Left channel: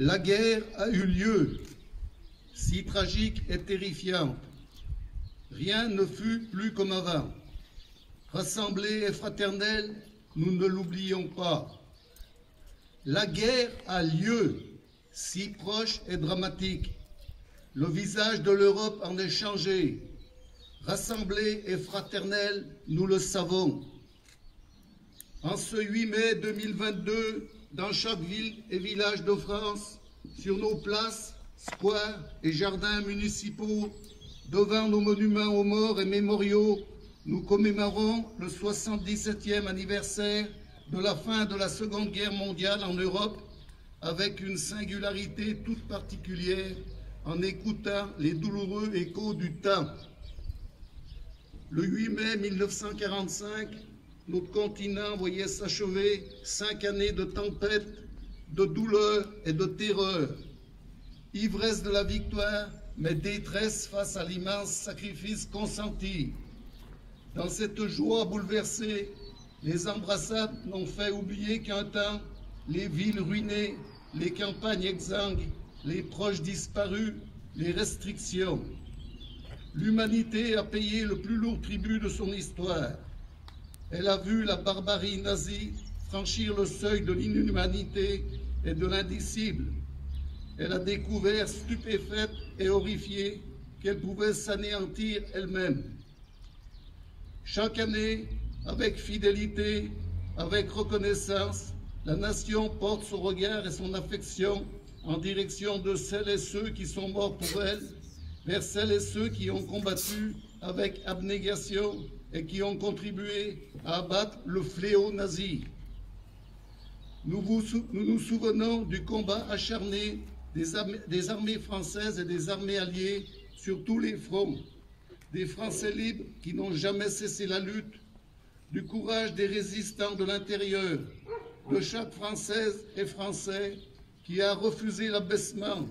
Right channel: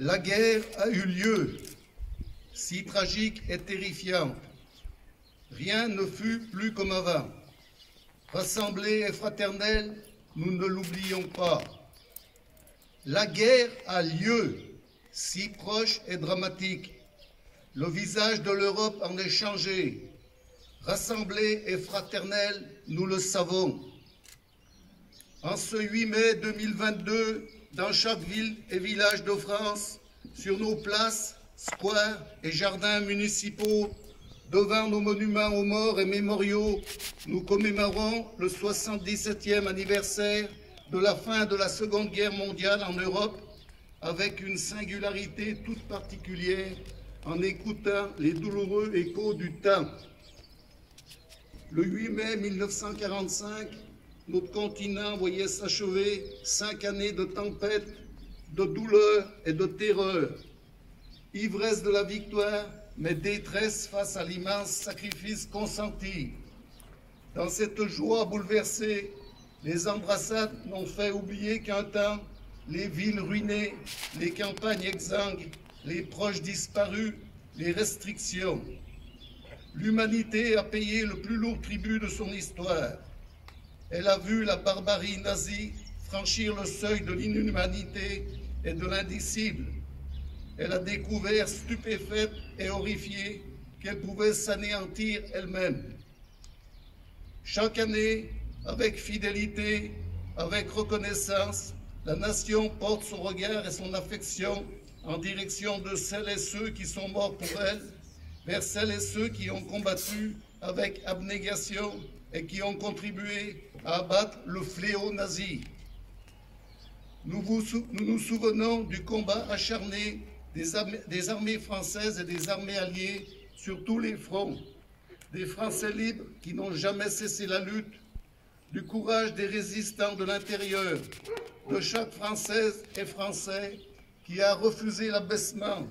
La guerre a eu lieu, si tragique et terrifiante. Rien ne fut plus comme avant. Rassemblés et fraternels, nous ne l'oublions pas. La guerre a lieu, si proche et dramatique. Le visage de l'Europe en est changé. Rassemblés et fraternels, nous le savons. En ce 8 mai 2022, dans chaque ville et village de France, sur nos places, squares et jardins municipaux, devant nos monuments aux morts et mémoriaux, nous commémorons le 77e anniversaire de la fin de la Seconde Guerre mondiale en Europe, avec une singularité toute particulière, en écoutant les douloureux échos du temps. Le 8 mai 1945, notre continent voyait s'achever 5 années de tempête, de douleur et de terreur. Ivresse de la victoire, mais détresse face à l'immense sacrifice consenti. Dans cette joie bouleversée, les embrassades n'ont fait oublier qu'un temps, les villes ruinées, les campagnes exsangues, les proches disparus, les restrictions. L'humanité a payé le plus lourd tribut de son histoire. Elle a vu la barbarie nazie franchir le seuil de l'inhumanité et de l'indicible. Elle a découvert, stupéfaite et horrifiée, qu'elle pouvait s'anéantir elle-même. Chaque année, avec fidélité, avec reconnaissance, la nation porte son regard et son affection en direction de celles et ceux qui sont morts pour elle, vers celles et ceux qui ont combattu avec abnégation et qui ont contribué à abattre le fléau nazi. Nous nous souvenons du combat acharné des armées françaises et des armées alliées sur tous les fronts, des Français libres qui n'ont jamais cessé la lutte, du courage des résistants de l'intérieur, de chaque Française et Français qui a refusé l'abaissement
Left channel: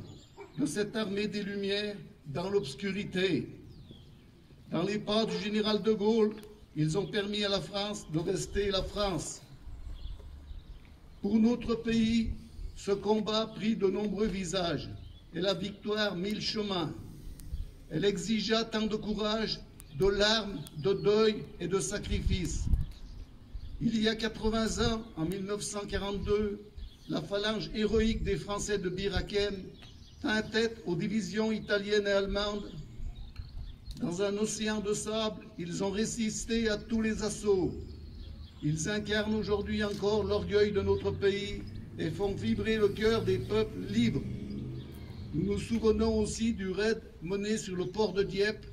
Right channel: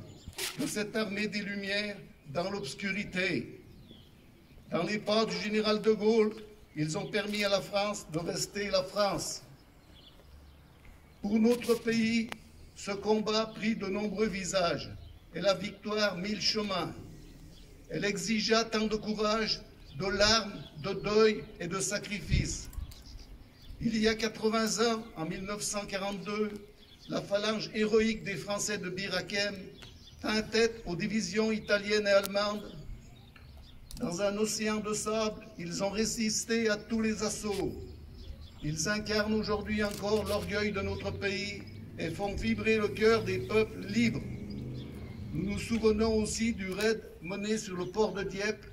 de cette armée des Lumières dans l'obscurité. Dans les pas du général de Gaulle, ils ont permis à la France de rester la France. Pour notre pays, ce combat prit de nombreux visages et la victoire mille chemins. Elle exigea tant de courage, de larmes, de deuil et de sacrifices. Il y a 80 ans, en 1942, la phalange héroïque des Français de Bir Hakeim tint tête aux divisions italiennes et allemandes. Dans un océan de sable, ils ont résisté à tous les assauts. Ils incarnent aujourd'hui encore l'orgueil de notre pays et font vibrer le cœur des peuples libres. Nous nous souvenons aussi du raid mené sur le port de Dieppe,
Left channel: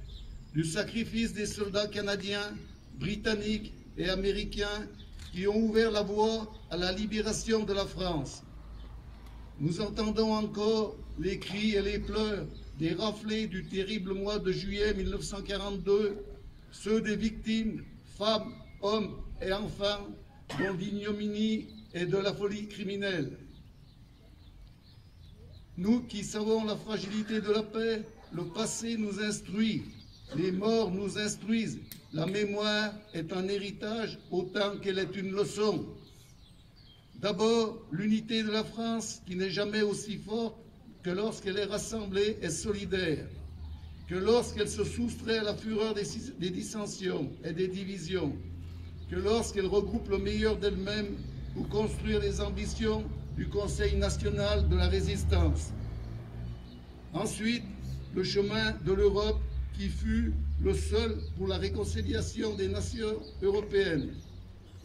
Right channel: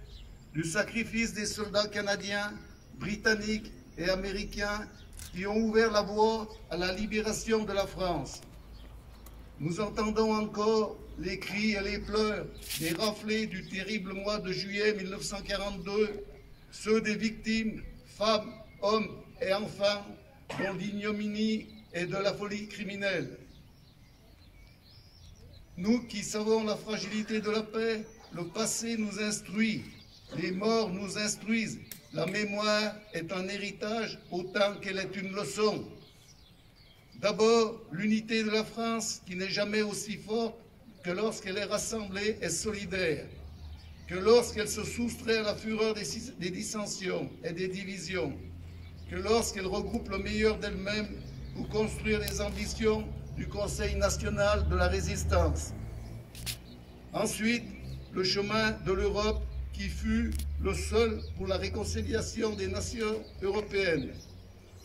du sacrifice des soldats canadiens, britanniques et américains qui ont ouvert la voie à la libération de la France. Nous entendons encore les cris et les pleurs des raflés du terrible mois de juillet 1942, ceux des victimes, femmes, hommes et enfants, dont l'ignominie et de la folie criminelle. Nous qui savons la fragilité de la paix, le passé nous instruit, les morts nous instruisent. La mémoire est un héritage autant qu'elle est une leçon. D'abord, l'unité de la France qui n'est jamais aussi forte que lorsqu'elle est rassemblée et solidaire, que lorsqu'elle se soustrait à la fureur des dissensions et des divisions, que lorsqu'elle regroupe le meilleur d'elle-même pour construire les ambitions du Conseil national de la résistance. Ensuite, le chemin de l'Europe qui fut le seul pour la réconciliation des nations européennes,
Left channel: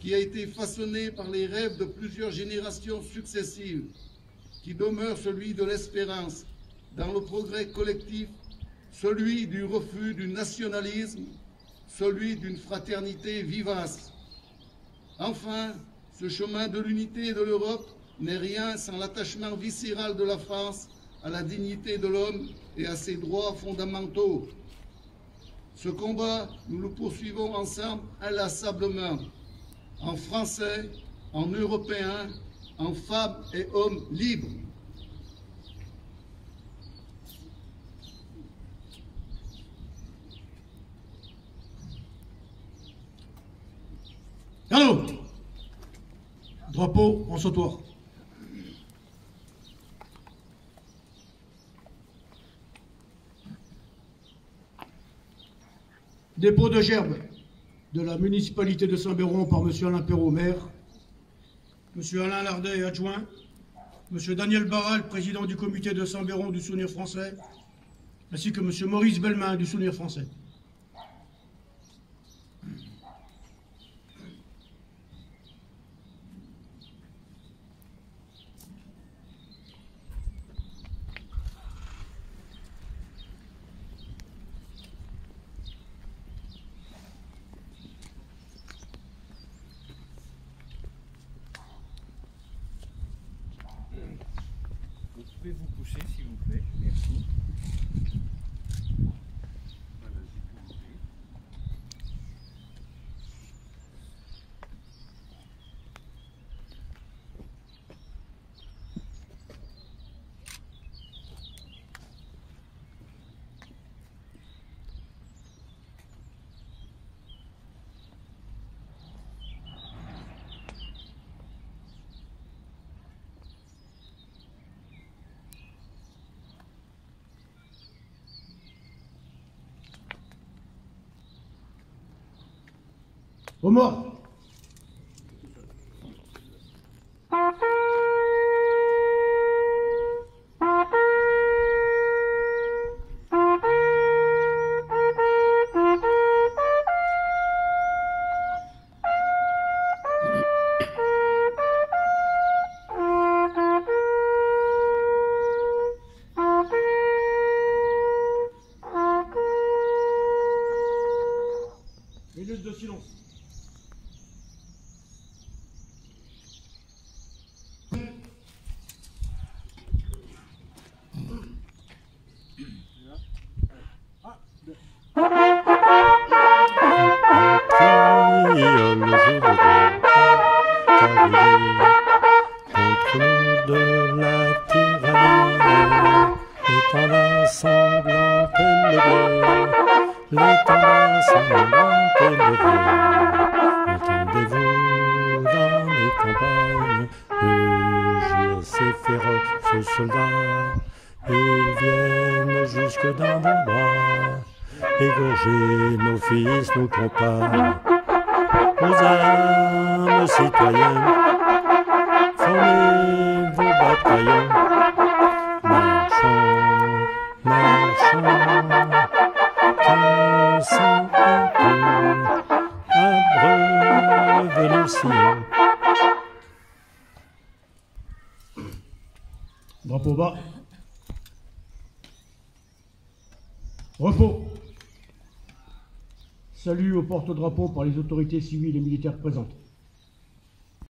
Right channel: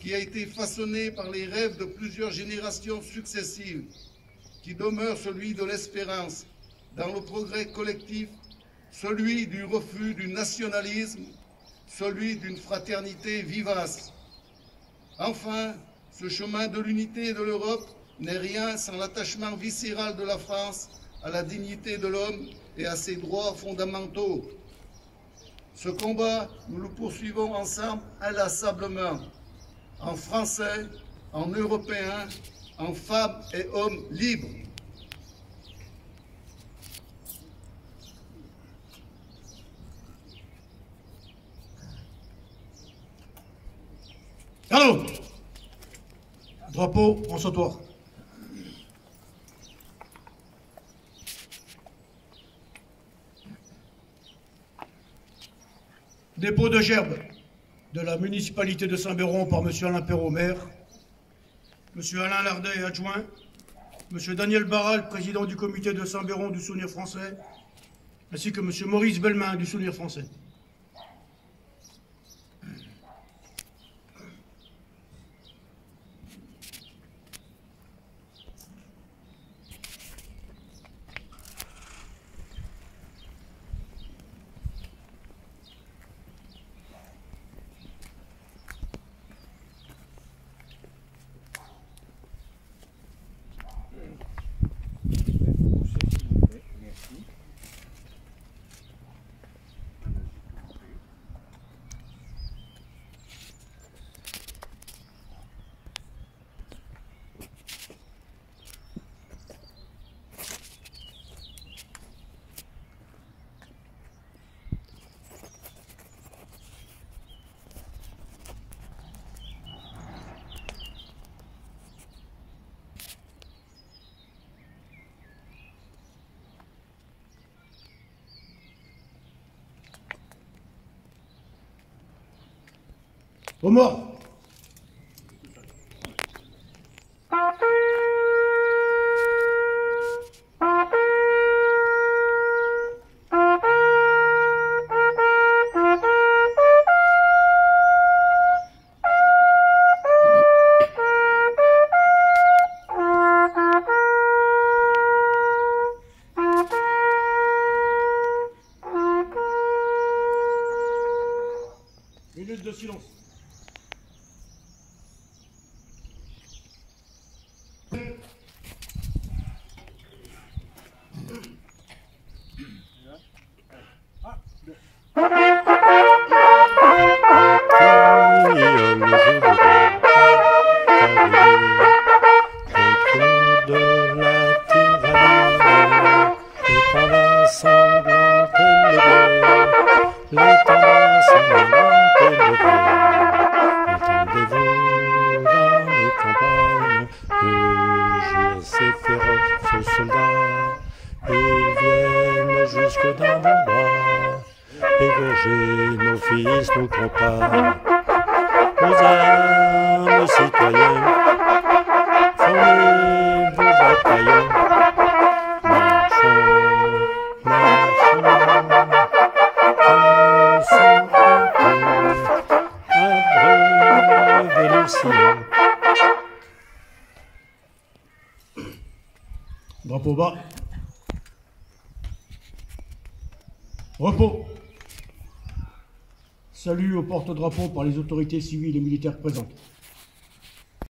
qui a été façonné par les rêves de plusieurs générations successives, qui demeure celui de l'espérance dans le progrès collectif, celui du refus du nationalisme, celui d'une fraternité vivace. Enfin, ce chemin de l'unité et de l'Europe n'est rien sans l'attachement viscéral de la France à la dignité de l'homme et à ses droits fondamentaux. Ce combat, nous le poursuivons ensemble inlassablement, en Français, en Européens, en femmes et hommes libres. Allô, drapeau en sautoir. Dépôt de gerbe de la municipalité de Saint-Béron par M. Alain Perrault, maire, M. Alain Lardet, adjoint, M. Daniel Barral, président du comité de Saint-Béron du Souvenir français, ainsi que M. Maurice Bellemin du Souvenir français. Aux morts. Minute de silence. Ces féroces soldats, ils viennent jusque dans vos bras, égorger nos fils, nos compagnes, nos armes citoyennes, formez vos bataillons, marchons, marchons, dansons encore, abreuvez nos sillons. Drapeau bas. Repos. Salut au porte-drapeau par les autorités civiles et militaires présentes.